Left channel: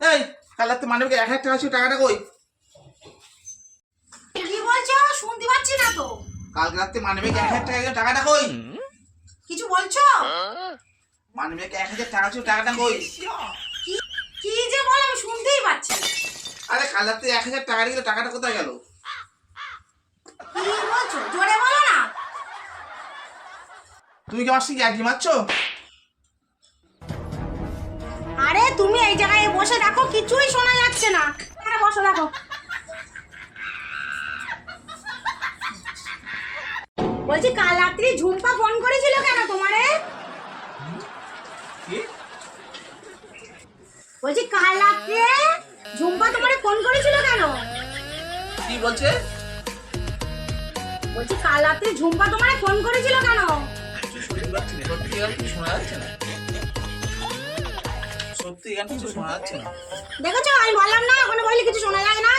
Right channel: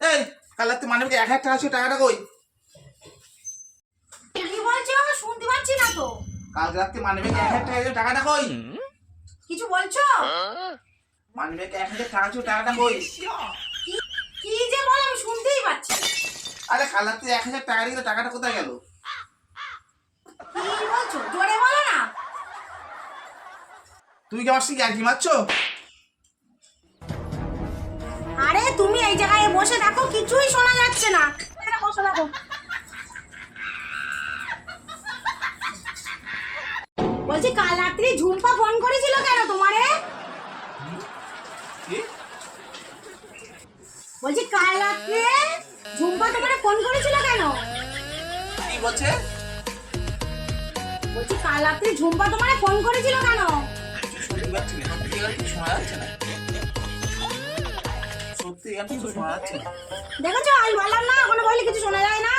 এই কাল রাতে মানবিকে 1000 টাকা ছিল, টাকাটা কই? কি বলছো? শুনতে পাচ্ছি না তো। কাল রাতে মানবিকে 1000 টাকা ছিল, টাকাটা কই? কিছু বলছো? মানবিকে 1000 টাকা ছিল, টাকাটা কই? কি কি যে বল, আমি শুনতেই পাচ্ছি। আরে কাল রাতে 1000 টাকা দিল, টাকাটা কোথায় গেল? কি বলছো? জোরে বলো না। তুমি কি আমার সঙ্গে আর কি মারছো? আরে তুমি এই জায়গায় বসে দেখো, কিছুই শোনা যাচ্ছে না। এখানে বসে দেখো। বলছি কাল রাত্রি ঝুম্পা ফোন করেছিল কেন তোমারে? কি? বলছি কাল রাত্রে ঝুম্পা তোমারে ফোন করেছিল কেন? কি বলছে? বলছি কাল রাত্রে ঝুম্পা তোমারে ফোন করেছিল কেন? শুনতে পাচ্ছি না, সত্যি আর কিছু শোনা যাচ্ছে না। সত্যি আর কিছু শোনা যাচ্ছে না। দেখেছো, আমি বললাম না, কোনো বলে কিছু শোনা যায় না।